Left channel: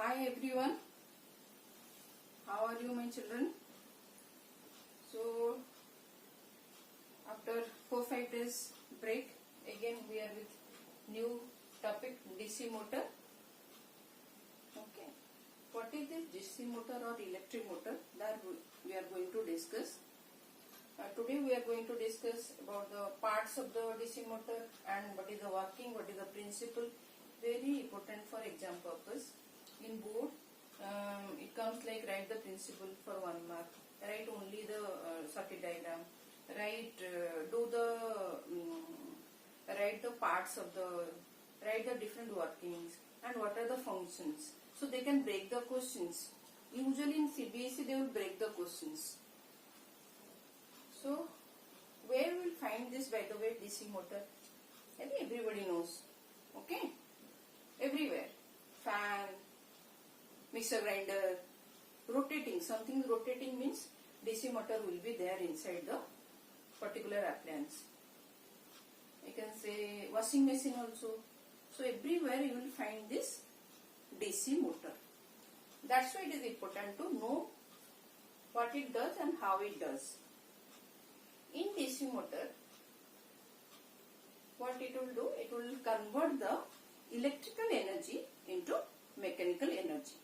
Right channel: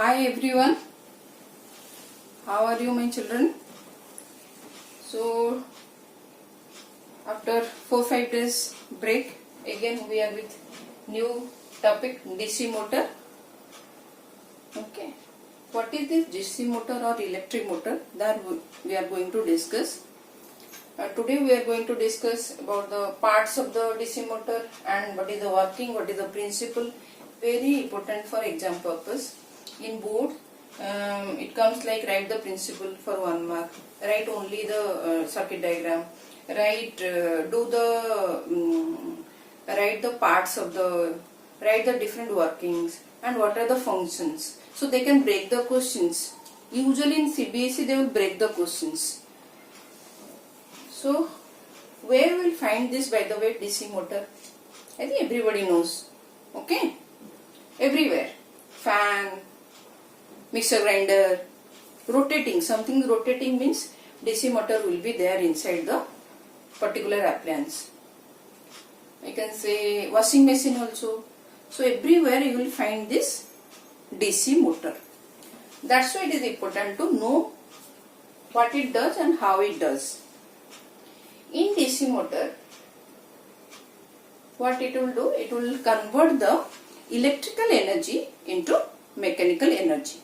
Hi everyone, how are you my children? So after 4-5 days break, again we are with new topic, DC motor. Okay, what is this DC motor or electric motor? That we are going to discuss. Today we are going to discuss about the parts of the DC motor and what is the working, what is the principle. Very important for exam purpose. In board, it comes like write the principle for 1 mark, write only the circuit diagram, write write the parts of the, write the different workings and what are the functions. So they can break the questions. Usually in CBSE they will break the questions. So where we will find this, by the way, DC motor? I think everybody knows. Okay, everywhere. Fan, mixer grinder, rotating, something rotating means DC motor will be there inside the particular appliance. I can say washing machine also. So everywhere you will find this DC motor. That's why it is important to know what it does and how it does. In DC motor, what it will do? It will convert the electrical energy into mechanical energy.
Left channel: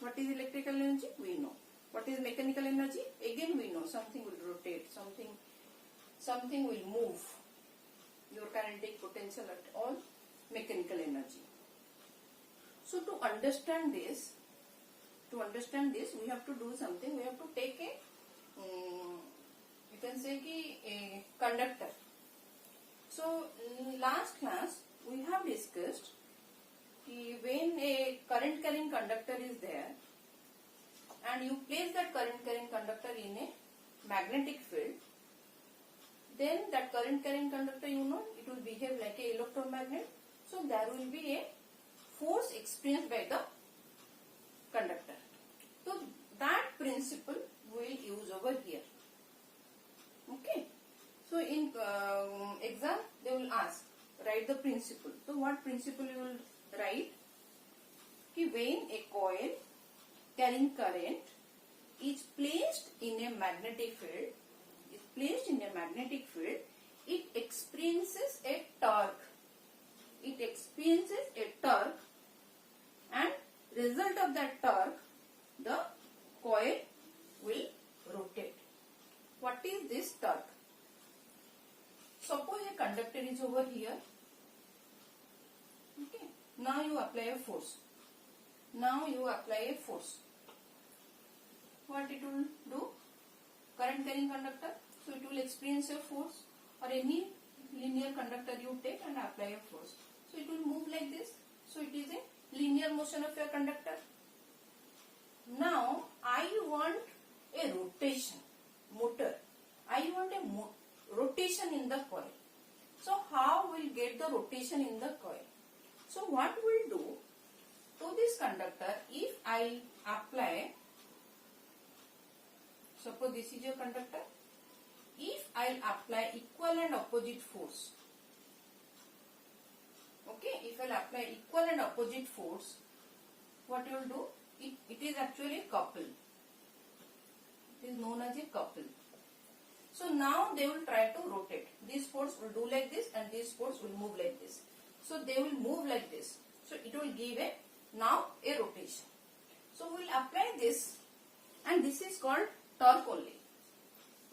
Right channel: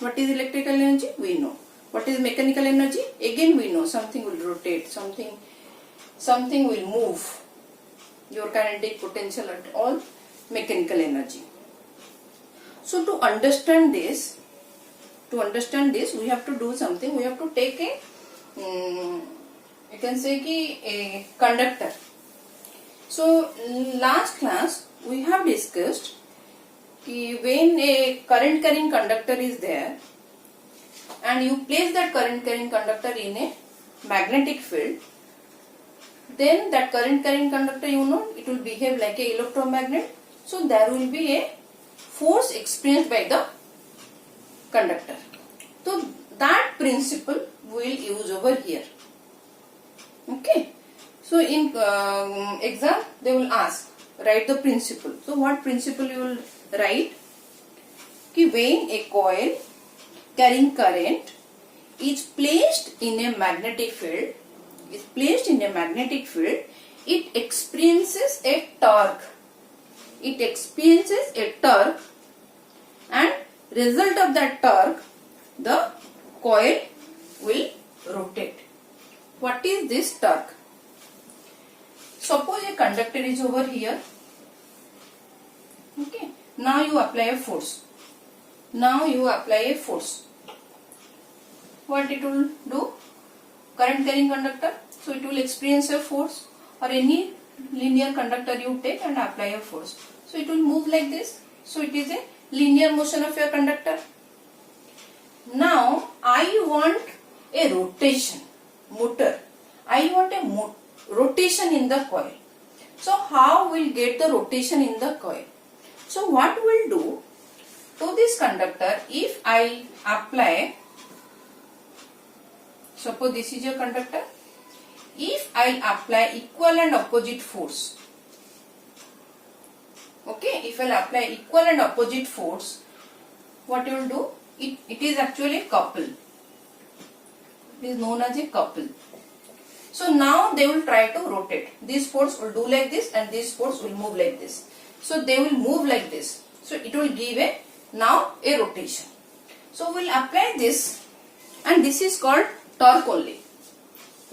What is electrical energy? We know. What is mechanical energy? Again we know. Something will rotate, something will move. Your kinetic potential at all mechanical energy. So to understand this, we have to do something. We have to take a, you can say a conductor. So last class we have discussed when a current carrying conductor is there and you place that current carrying conductor in a magnetic field, then that current carrying conductor, you know, it will behave like a electromagnet. So there will be a force experienced by the conductor. So that principle we will use over here. Okay. So in exam they will ask, write the principle. So what principle you will write? When a coil carrying current is placed in a magnetic field, it experiences a torque. And result of that torque, the coil will rotate. What is this torque? Suppose a conductor is over here. Okay. Now you apply a force. What it will do? Current carrying conductor. So it will experience a force, or any linear conductor you take and apply a force. So it will move like this. So it is a linear motion of your conductor. Now I want a rotation motor. I want a rotation in the coil. So how will get the rotation in the coil? So what we'll do to this conductor, if I apply, suppose this is your conductor, if I apply equal and opposite force, okay, if I apply equal and opposite force, what you will do? It is actually couple. It is known as a couple. So now they will try to rotate. This force will do like this and this force will move like this. So they will move like this. So it will give now a rotation. So we will apply this, and this is called torque only.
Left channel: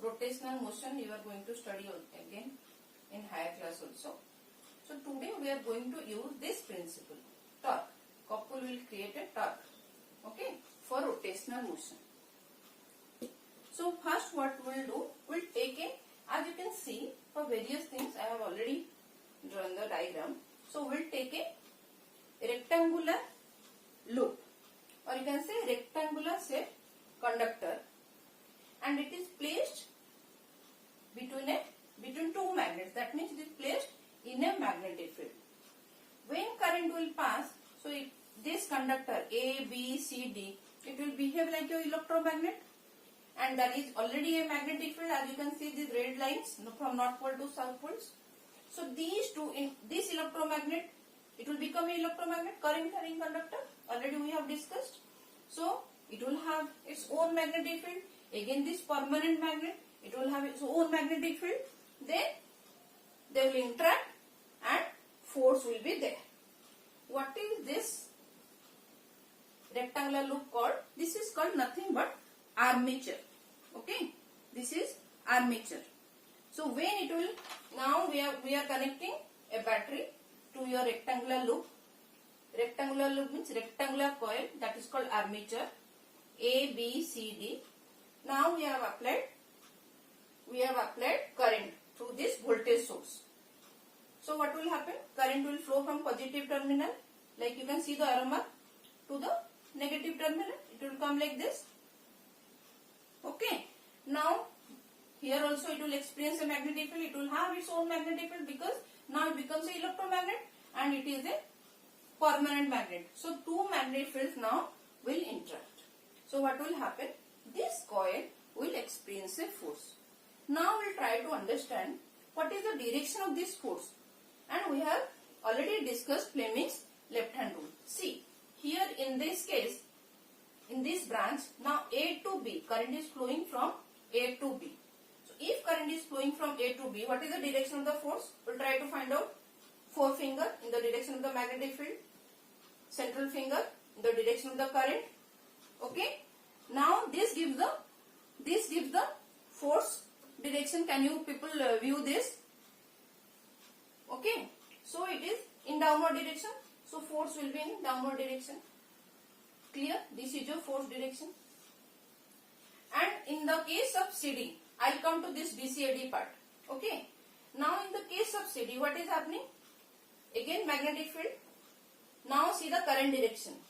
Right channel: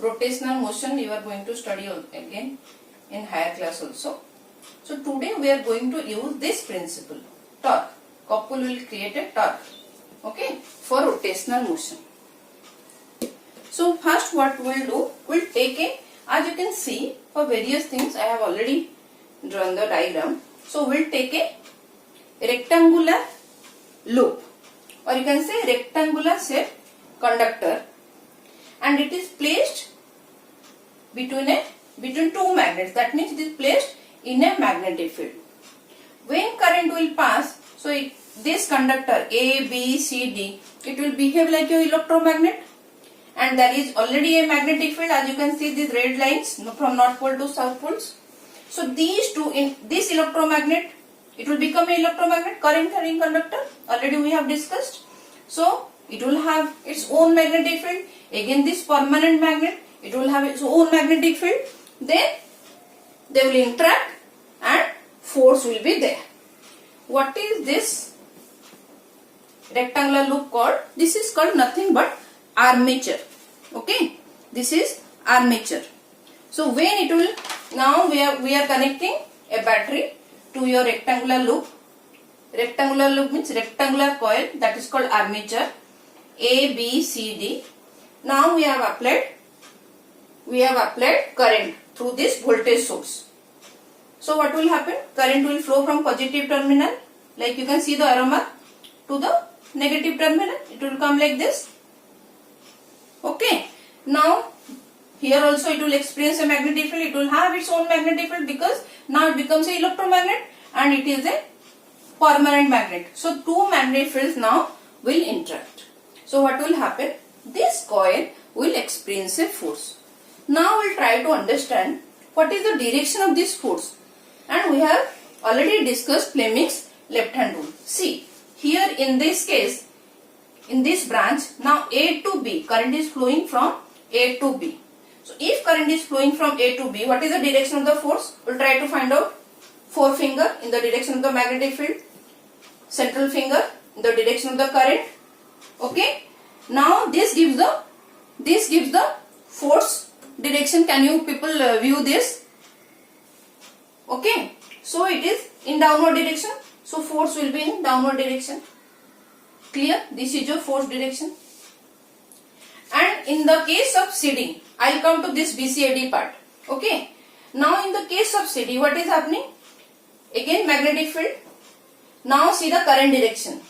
Rotational motion you are going to study again in higher class also. So today we are going to use this principle, torque. Couple will create a torque, okay, for rotational motion. So first what we will do, we will take a, as you can see, for various things I have already drawn the diagram. So we will take a rectangular loop, or you can say rectangular shape conductor, and it is placed between two magnets. That means it is placed in a magnetic field. When current will pass, so this conductor A, B, C, D, it will behave like an electromagnet, and there is already a magnetic field. As you can see, these red lines from north pole to south poles. So these two, in this electromagnet It will become an electromagnet, current carrying conductor. Already we have discussed. So it will have its own magnetic field. Again this permanent magnet, it will have its own magnetic field. Then they will interact and force will be there. What is this rectangular loop called? This is called nothing but armature. Okay, this is armature. So when it will, now we are connecting a battery to your rectangular loop. Rectangular loop means rectangular coil, that is called armature. A, B, C, D. Now we have applied current through this voltage source. So what will happen? Current will flow from positive terminal, like you can see the arrow mark, to the negative terminal. It will come like this. Okay. Now here also it will experience a magnetic field. It will have its own magnetic field because now it becomes an electromagnet and it is a permanent magnet. So two magnetic fields now will interact. So what will happen? This coil will experience a force. Now we will try to understand what is the direction of this force. And we have already discussed Fleming's left hand rule. See, here in this case, in this branch, now A to B, current is flowing from A to B. So if current is flowing from A to B, what is the direction of the force? We will try to find out. Forefinger in the direction of the magnetic field, central finger in the direction of the current. Okay. Now this gives the force direction. Can you people view this? Okay. So it is in downward direction. So force will be in downward direction. Clear? This is your force direction. And in the case of CD, I will come to this BCAD part. Okay. Now in the case of CD, what is happening? Again magnetic field. Now see the current direction.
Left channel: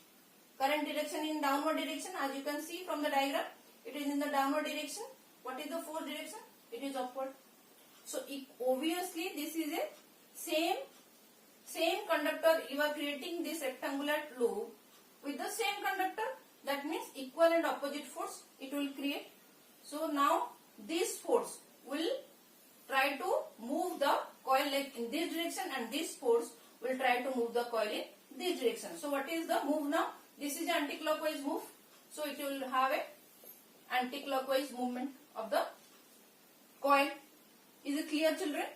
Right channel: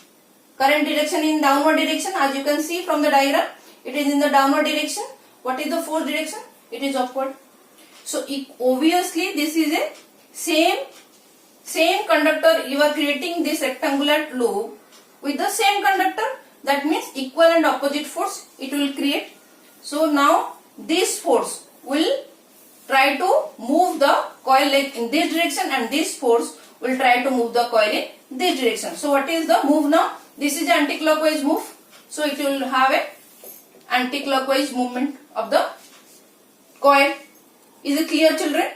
Current direction in downward direction, as you can see from the diagram. It is in the downward direction. What is the force direction? It is upward. So obviously this is a same conductor. You are creating this rectangular loop with the same conductor. That means equal and opposite force it will create. So now this force will try to move the coil like in this direction, and this force will try to move the coil in this direction. So what is the move now? This is the anti-clockwise move. So it will have a anti-clockwise movement of the coil. Is it clear, children?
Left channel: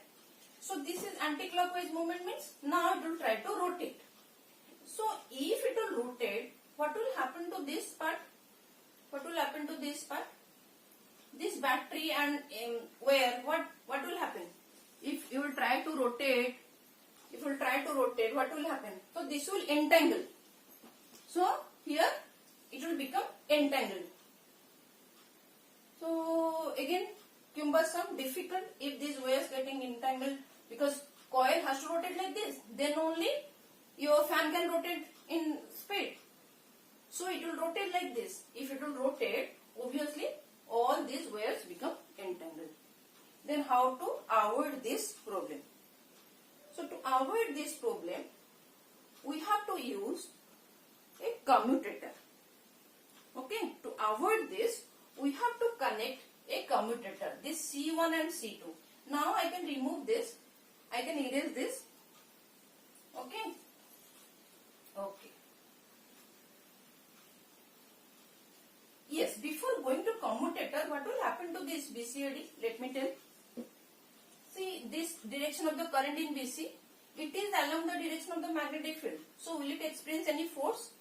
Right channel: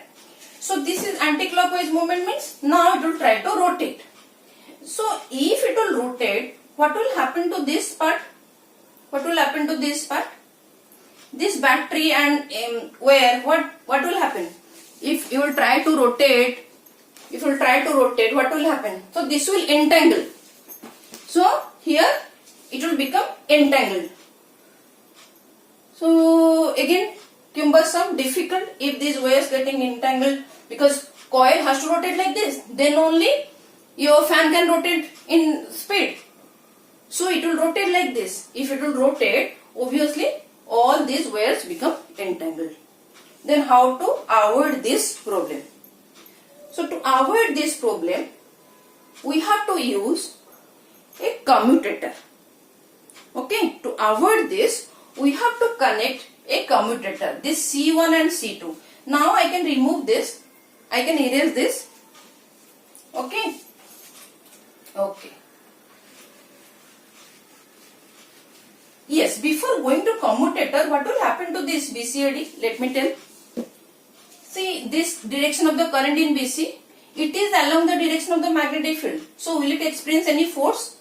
So this is anti-clockwise movement means now it will try to rotate. So if it will rotate, what will happen to this part? What will happen to this part? This battery and wire, what will happen? If you will try to rotate, what will happen? So this will entangle. So here it will become entangled. So again cumbersome, difficult if these wires getting entangled, because coil has to rotate like this. Then only your fan can rotate in speed. So it will rotate like this. If it will rotate, obviously all these wires become entangled. Then how to avoid this problem? So to avoid this problem, we have to use a commutator. Okay, to avoid this, we have to connect a commutator, this C1 and C2. Now I can remove this, I can erase this. Okay, okay. Yes, before going to commutator, what will happen to this BCAD? Let me tell. See, this direction of the current in BC, it is along the direction of the magnetic field. So will it experience any force?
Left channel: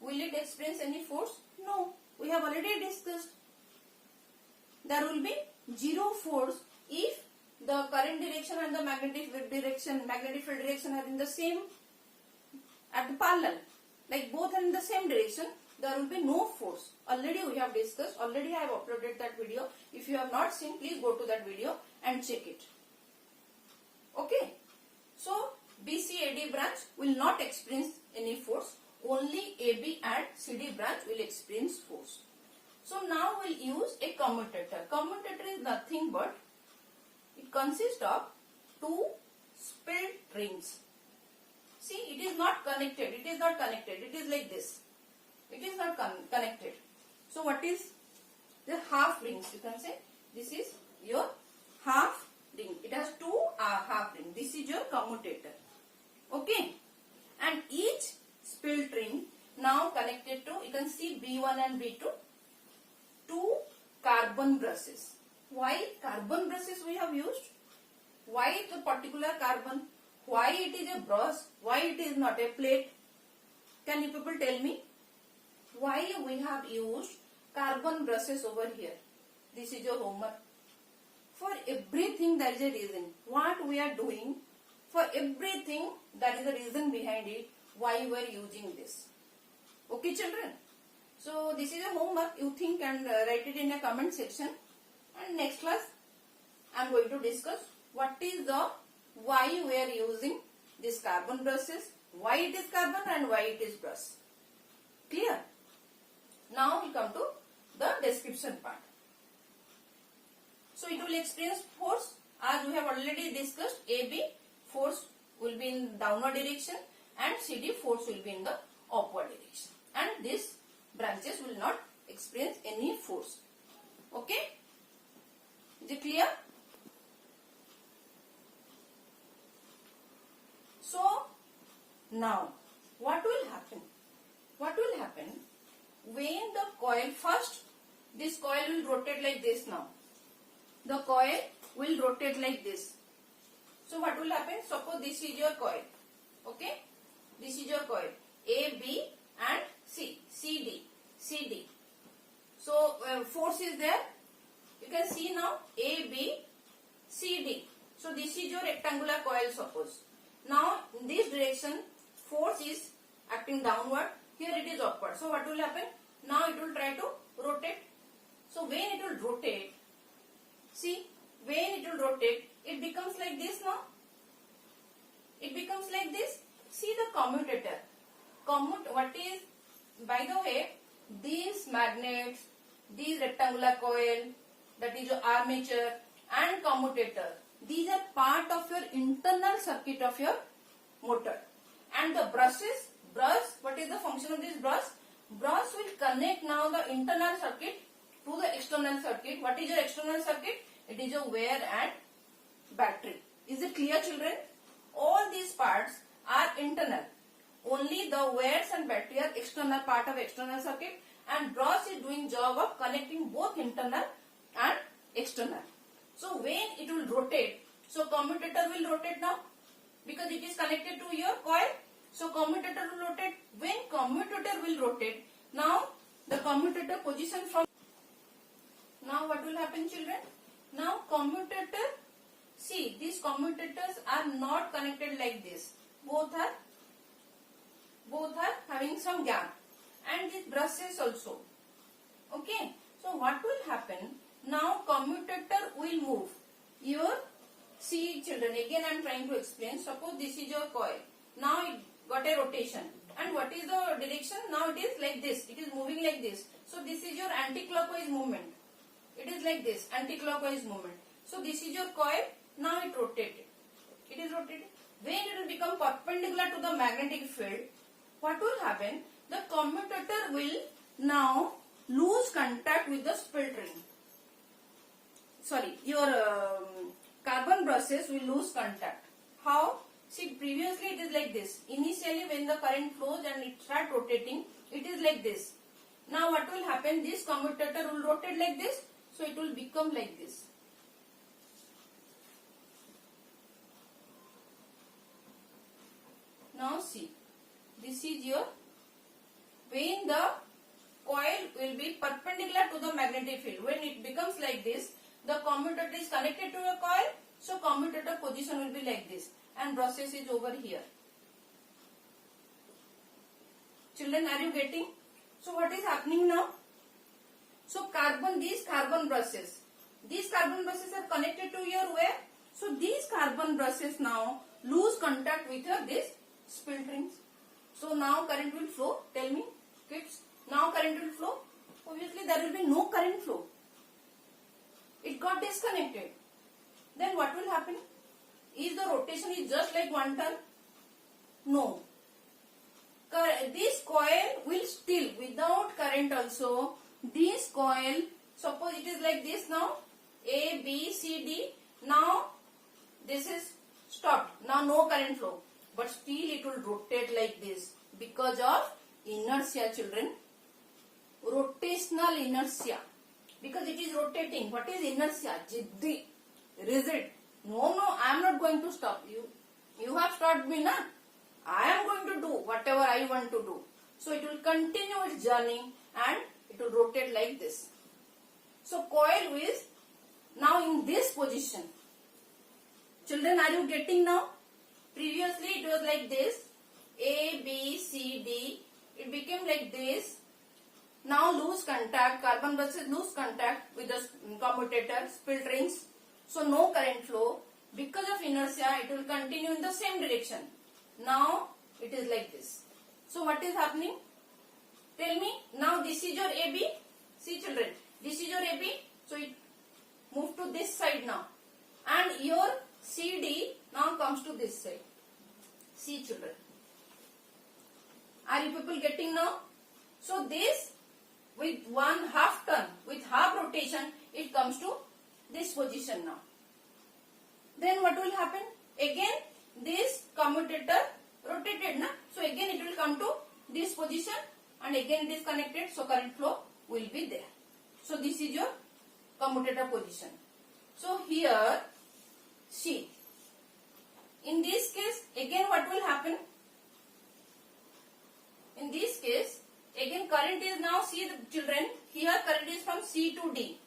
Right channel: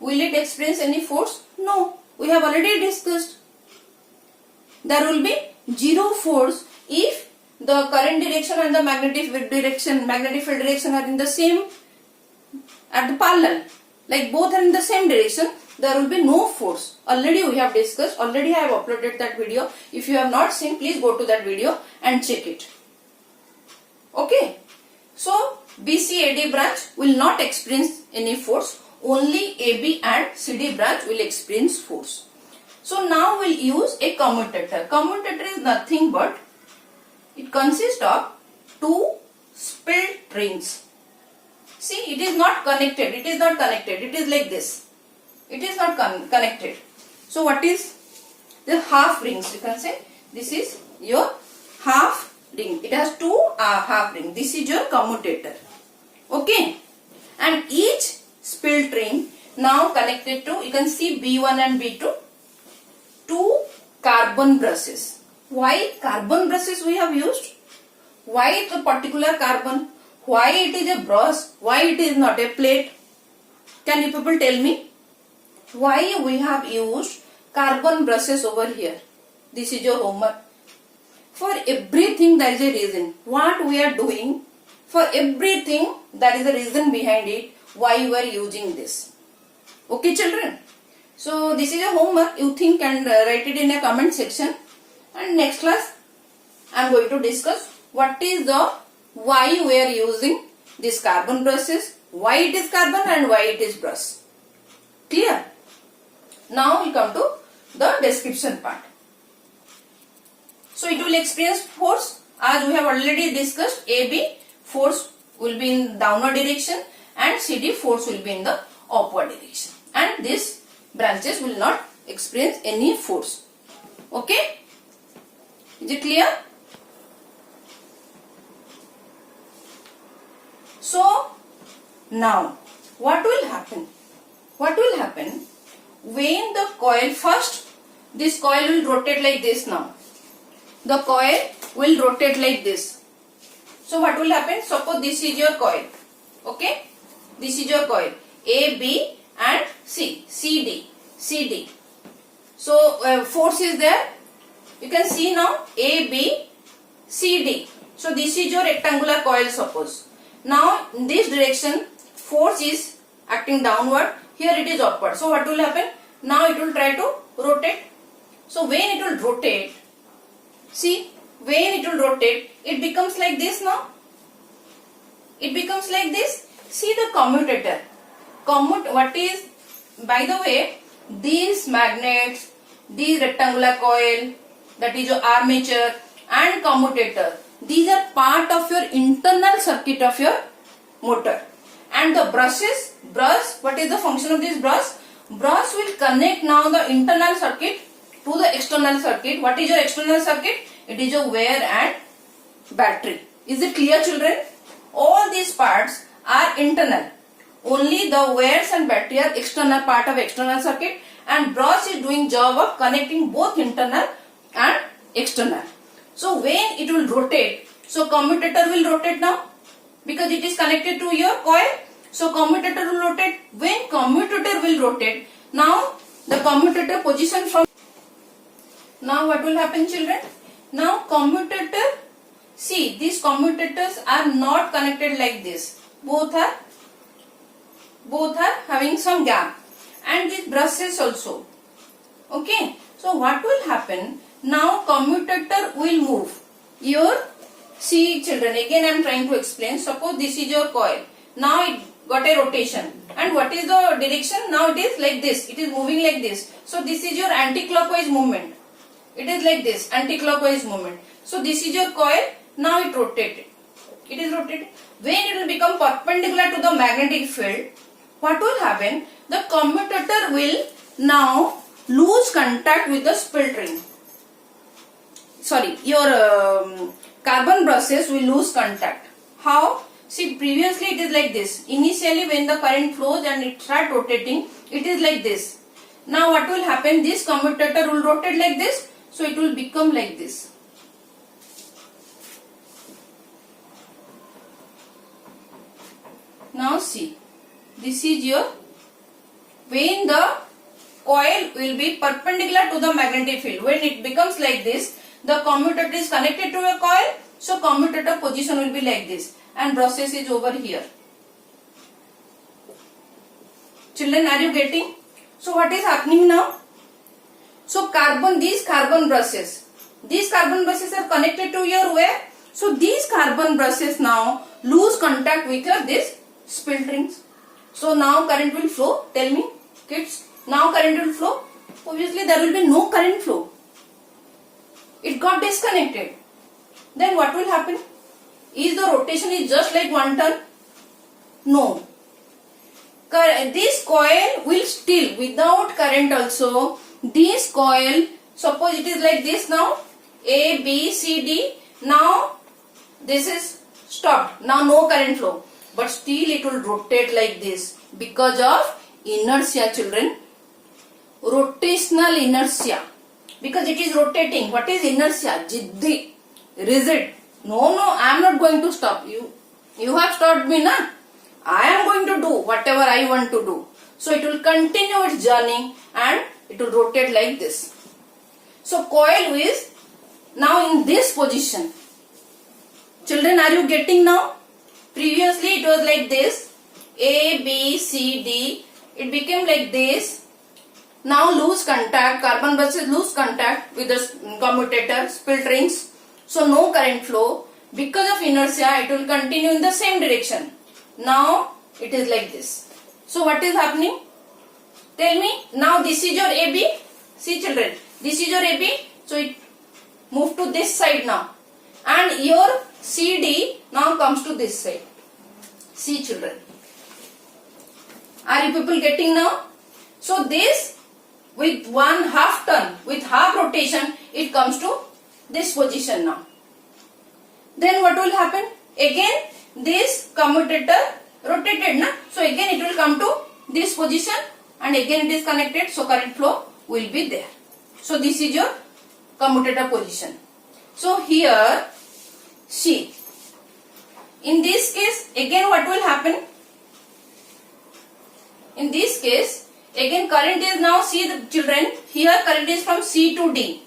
Will it experience any force? No. We have already discussed. There will be zero force if the current direction and the magnetic field direction are in the same, at the parallel. Like both are in the same direction, there will be no force. Already we have discussed, already I have uploaded that video. If you have not seen, please go to that video and check it. Okay. So BCAD branch will not experience any force. Only AB and CD branch will experience force. So now we'll use a commutator. Commutator is nothing but, it consists of two split rings. See, it is not connected. It is not connected. It is like this. It is not connected. So what is the half rings? You can say this is your half ring. It has two half rings. This is your commutator. Okay. and each split ring now connected to, you can see B1 and B2, two carbon brushes. Why carbon brushes we have used? Why the particular carbon? Why it is a brush? Why it is not a plate? Can you people tell me? Why we have used carbon brushes over here? This is your homework. For everything there is a reason. What we are doing, for everything there is a reason behind it, why we are using this. Okay children? So this is a homework. You think and write it in a comment section. And next class I am going to discuss what is the, why we are using these carbon brushes, why it is carbon and why it is brush. Clear? Now we come to the description part. So it will experience force, as we have already discussed. AB force will be in downward direction and CD force will be in the upward direction, and these branches will not experience any force. Okay? Is it clear? So now what will happen? What will happen when the coil, first this coil will rotate like this now. The coil will rotate like this. So what will happen? Suppose this is your coil. Okay? This is your coil. A, B and C. CD. CD. So force is there. You can see now A, B, C, D. So this is your rectangular coil suppose. Now in this direction force is acting downward. Here it is upward. So what will happen? Now it will try to rotate. So when it will rotate, see, when it will rotate, it becomes like this now. It becomes like this. See the commutator. What is, by the way, these magnets, these rectangular coil, that is your armature and commutator, these are part of your internal circuit of your motor. And the brushes, what is the function of this brush? Brush will connect now the internal circuit to the external circuit. What is your external circuit? It is your wire and battery. Is it clear children? All these parts are internal. Only the wires and battery are external part of external circuit, and brush is doing job of connecting both internal and external. So when it will rotate, so commutator will rotate now because it is connected to your coil. So commutator will rotate. When commutator will rotate, now the commutator position from, now what will happen children? Now commutator, see these commutators are not connected like this. Both are having some gap, and these brushes also. Okay. So what will happen? Now commutator will move. Your, see children, again I am trying to explain. Suppose this is your coil. Now it got a rotation. And what is the direction? Now it is like this. It is moving like this. So this is your anti-clockwise movement. It is like this, anti-clockwise movement. So this is your coil. Now it rotated. It is rotated. When it will become perpendicular to the magnetic field, what will happen? The commutator will now lose contact with the split ring. Sorry, your carbon brushes will lose contact. How? See, previously it is like this. Initially when the current flows and it starts rotating, it is like this. Now what will happen? This commutator will rotate like this. So it will become like this. Now see, this is your, when the coil will be perpendicular to the magnetic field. When it becomes like this, the commutator is connected to a coil. So commutator position will be like this, and brushes is over here. Children, are you getting? So what is happening now? So these carbon brushes are connected to your wire. So these carbon brushes now lose contact with this split rings. So now current will flow. Tell me kids, now current will flow. Obviously there will be no current flow. It got disconnected. Then what will happen? Is the rotation is just like one turn? No. This coil will still, without current also, this coil, suppose it is like this now, A, B, C, D. Now this is stopped. Now no current flow. but still it will rotate like this because of inertia, children. Rotational inertia, because it is rotating. What is inertia? Jiddi, rigid. No, I am not going to stop you. You have stopped me, na? I am going to do whatever I want to do. So it will continue its journey and it will rotate like this. So coil is now in this position. Children, are you getting now? Previously it was like this. A, B, C, D. It became like this. Now loose contact, carbon buses lose contact with the commutator, split rings. So no current flow. Because of inertia, it will continue in the same direction. Now it is like this. So what is happening? Tell me. Now this is your AB. See children, this is your AB. So it moved to this side now. And your CD now comes to this side. See children. Are you people getting now? So this with one half turn, with half rotation, it comes to this position now. Then what will happen? Again this commutator rotated, na? So again it will come to this position and again it is connected, so current flow will be there. So this is your commutator position. So here see, in this case again what will happen? In this case again current is now, see the children, here current is from C to D.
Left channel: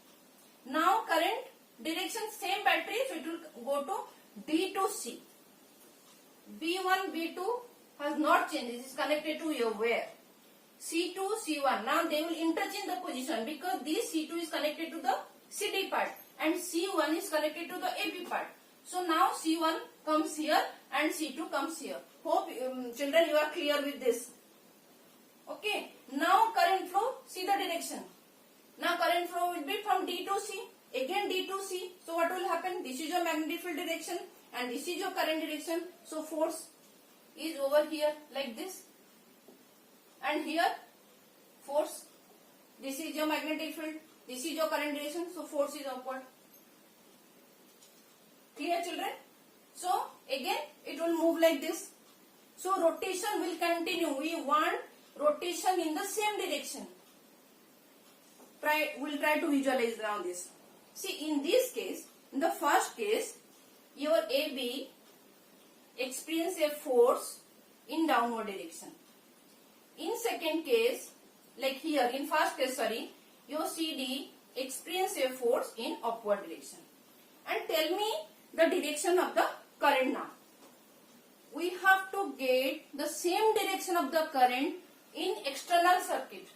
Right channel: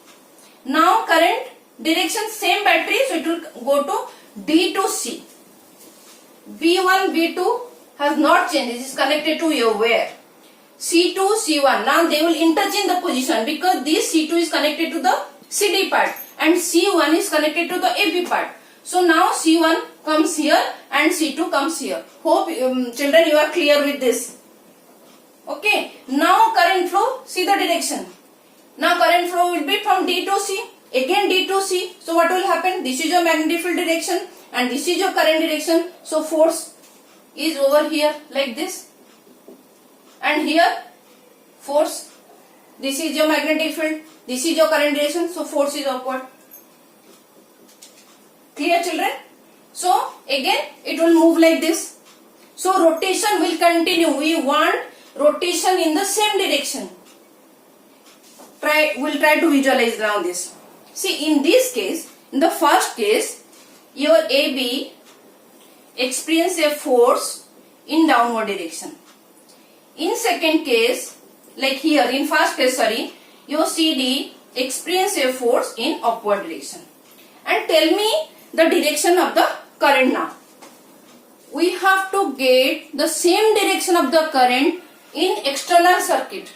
Now current direction same battery, so it will go to D to C. B1, B2 has not changed. It is connected to your wire. C2, C1. Now they will interchange the position because this C2 is connected to the CD part and C1 is connected to the AB part. So now C1 comes here and C2 comes here. Hope children you are clear with this. Okay. Now current flow, see the direction. Now current flow will be from D to C. Again D to C. So what will happen? This is your magnetic field direction and this is your current direction. So force is over here like this. And here force. This is your magnetic field. This is your current direction. So force is upward. Clear children? So again it will move like this. So rotation will continue. We want rotation in the same direction. We'll try to visualize now this. See, in this case, in the first case, your AB experience a force in downward direction. In second case, like here, in first case, your CD experience a force in upward direction. And tell me the direction of the current now. We have to get the same direction of the current in external circuit.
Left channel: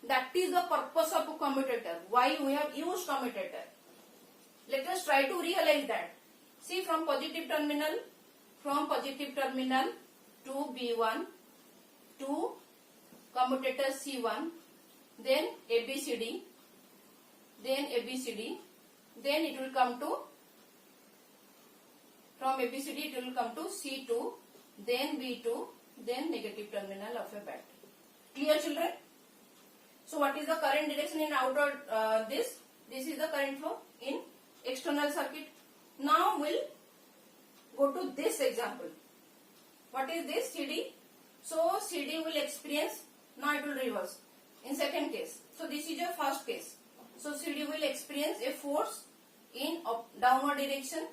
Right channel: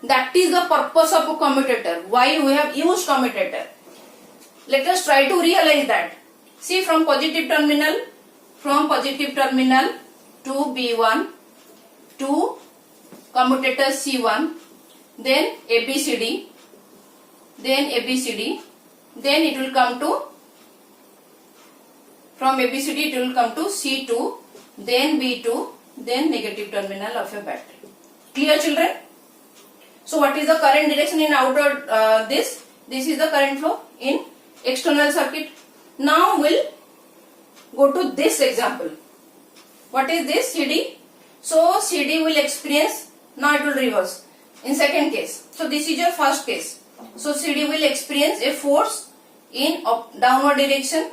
That is the purpose of a commutator. Why we have used commutator. Let us try to realize that. See, from positive terminal to B1 to commutator C1, then ABCD, then it will come to, from ABCD it will come to C2, then B2, then negative terminal of a battery. Clear children? So what is the current direction in outer this? This is the current flow in external circuit. Now we'll go to this example. What is this? CD. So CD will experience, now it will reverse in second case. So this is your first case. So CD will experience a force in downward direction,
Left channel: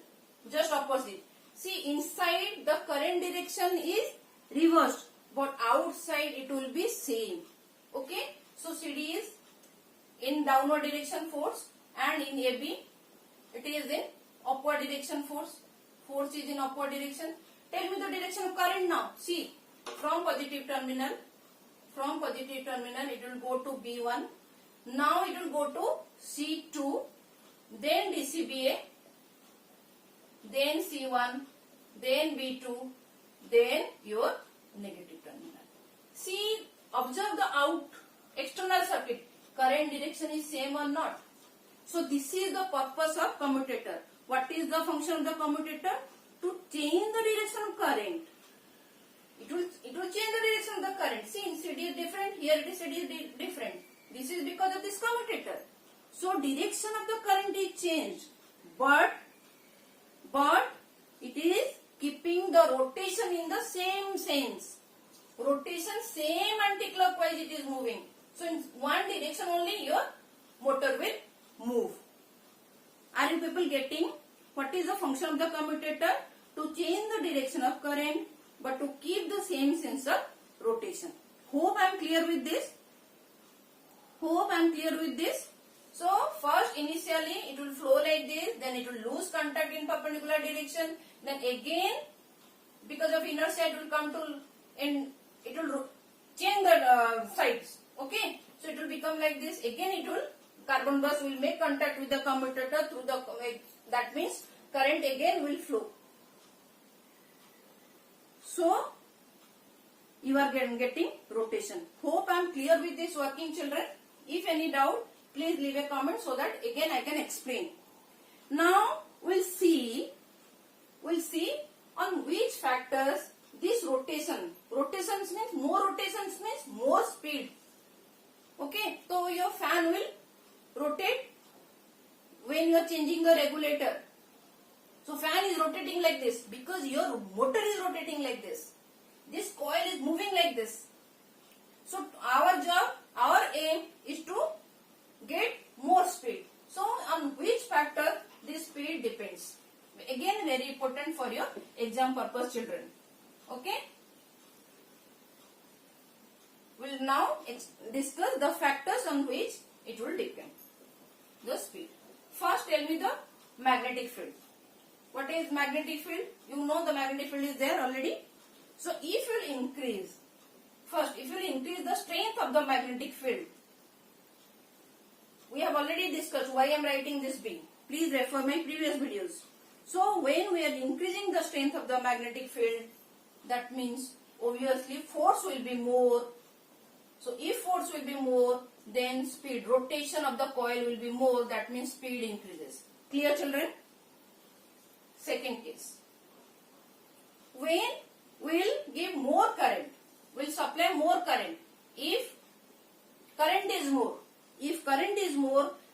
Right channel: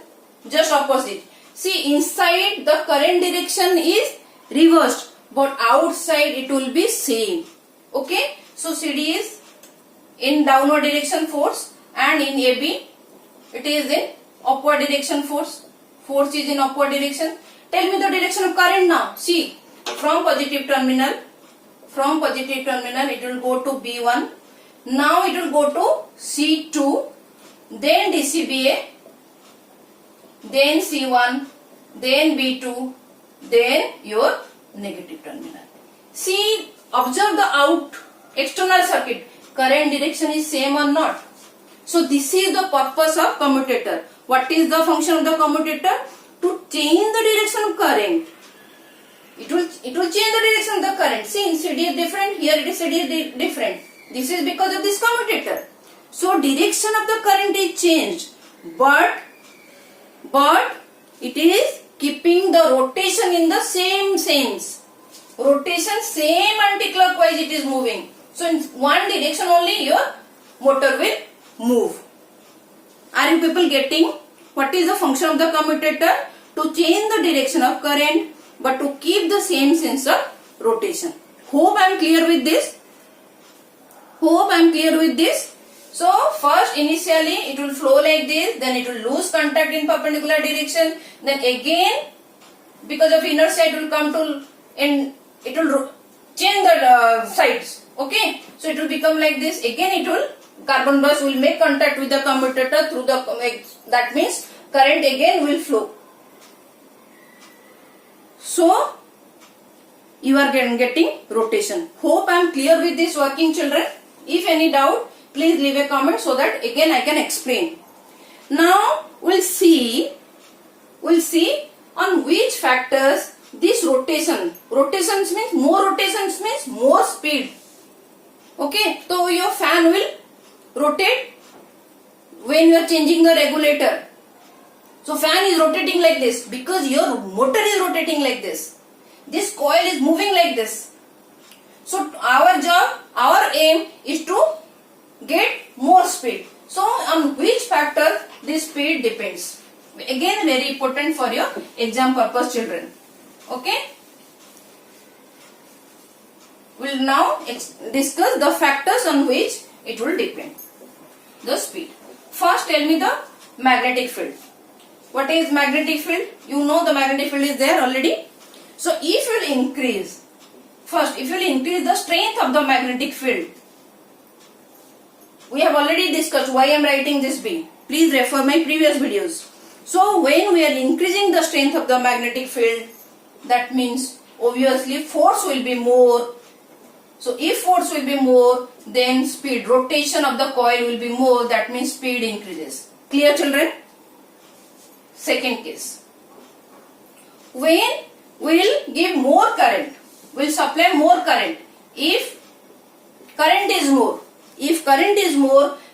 just opposite. See, inside the current direction is reversed, but outside it will be same. Okay. So CD is in downward direction force and in AB it is in upward direction force. Force is in upward direction. Tell me the direction of current now. See, from positive terminal it will go to B1. Now it will go to C2, then DCBA, then C1, then B2, then your negative terminal. See, observe the external circuit. Current direction is same or not. So this is the purpose of commutator. What is the function of the commutator? To change the direction of current. It will change the direction of the current. See, in CD is different. Here it is CD is different. This is because of this commutator. So direction of the current is changed, but it is keeping the rotation in the same sense. Rotation same anti-clockwise it is moving. So in one direction only your motor will move. Are you people getting what is the function of the commutator? To change the direction of current but to keep the same sense of rotation. Hope I am clear with this. Hope I am clear with this. So first initially it will flow like this, then it will lose contact in perpendicular direction, then again because of inertia it will come to and it will change the sides. Okay, so it will become like this. Again it will carbon bus will make contact with the commutator through the that means current again will flow. So you are getting rotation. Hope I am clear with this working, children. If any doubt, please leave a comment so that again I can explain. Now we'll see on which factors this rotations means more speed. Okay, so your fan will rotate when you are changing the regulator. So fan is rotating like this because your motor is rotating like this. This coil is moving like this. So our job, our aim is to get more speed. So on which factor this speed depends. Again very important for your exam purpose, children. Okay. We'll now discuss the factors on which it will depend. The speed. First tell me the magnetic field. What is magnetic field? You know the magnetic field is there already. So if you will increase, first if you will increase the strength of the magnetic field, we have already discussed why I am writing this B. Please refer my previous videos. So when we are increasing the strength of the magnetic field, that means obviously force will be more. So if force will be more, then speed, rotation of the coil will be more, that means speed increases. Clear, children? Second case. When we will give more current, we will supply more current. If current is more,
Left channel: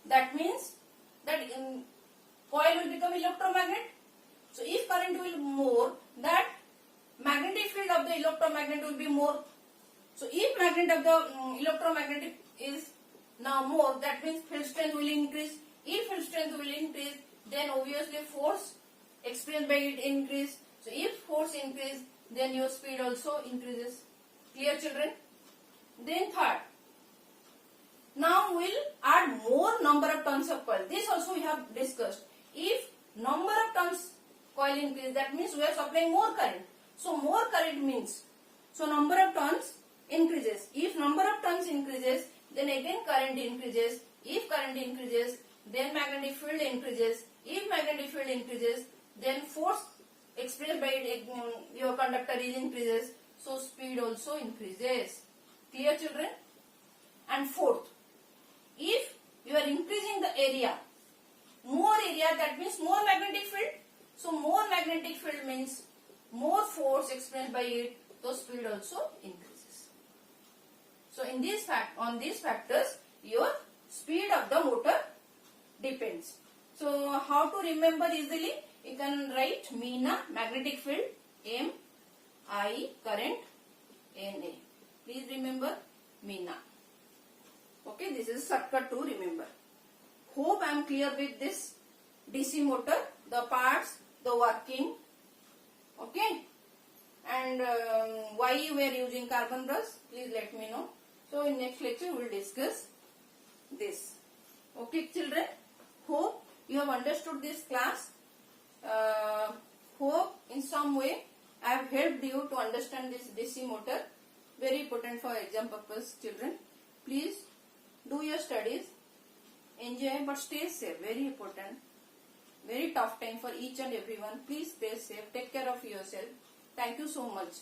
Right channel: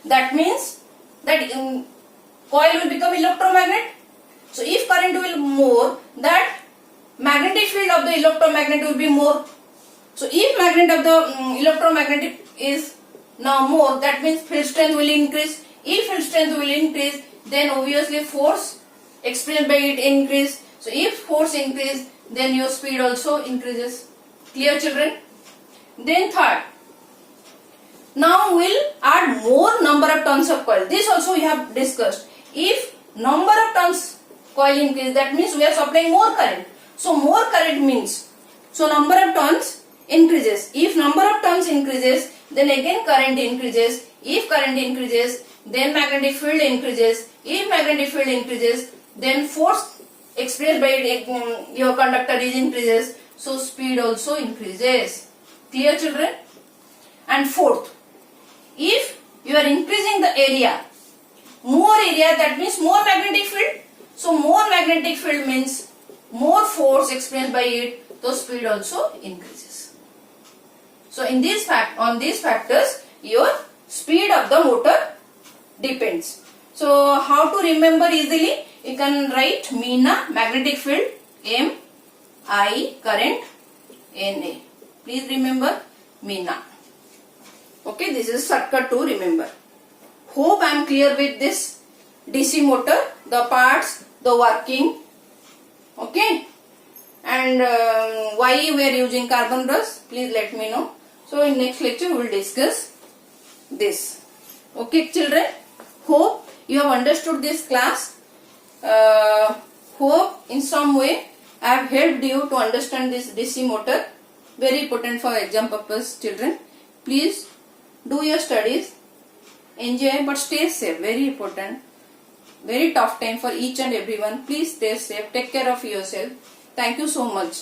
that means that coil will become electromagnet. So if current will more, that magnetic field of the electromagnet will be more. So if magnet of the electromagnetic is now more, that means field strength will increase. If field strength will increase, then obviously force experienced by it increase. So if force increase, then your speed also increases. Clear, children? Then third, now we'll add more number of turns of coil. This also we have discussed. If number of turns coil increase, that means we are supplying more current. So more current means, so number of turns increases. If number of turns increases, then again current increases. If current increases, then magnetic field increases. If magnetic field increases, then force expressed by your conductor is increases. So speed also increases. Clear, children? And fourth, if you are increasing the area, more area, that means more magnetic field. So more magnetic field means more force experienced by it, the speed also increases. So in this on these factors, your speed of the motor depends. So how to remember easily? You can write MENA, magnetic field, M, I, current, NA. Please remember MENA. Okay, this is shortcut to remember. Hope I am clear with this DC motor, the parts, the working. Okay, and why we are using carbon brush, please let me know. So in next lecture we will discuss this. Okay, children, hope you have understood this class. Hope in some way I have helped you to understand this DC motor. Very important for exam purpose, children. Please do your studies, enjoy, but stay safe. Very important. Very tough time for each and everyone. Please stay safe. Take care of yourself. Thank you so much.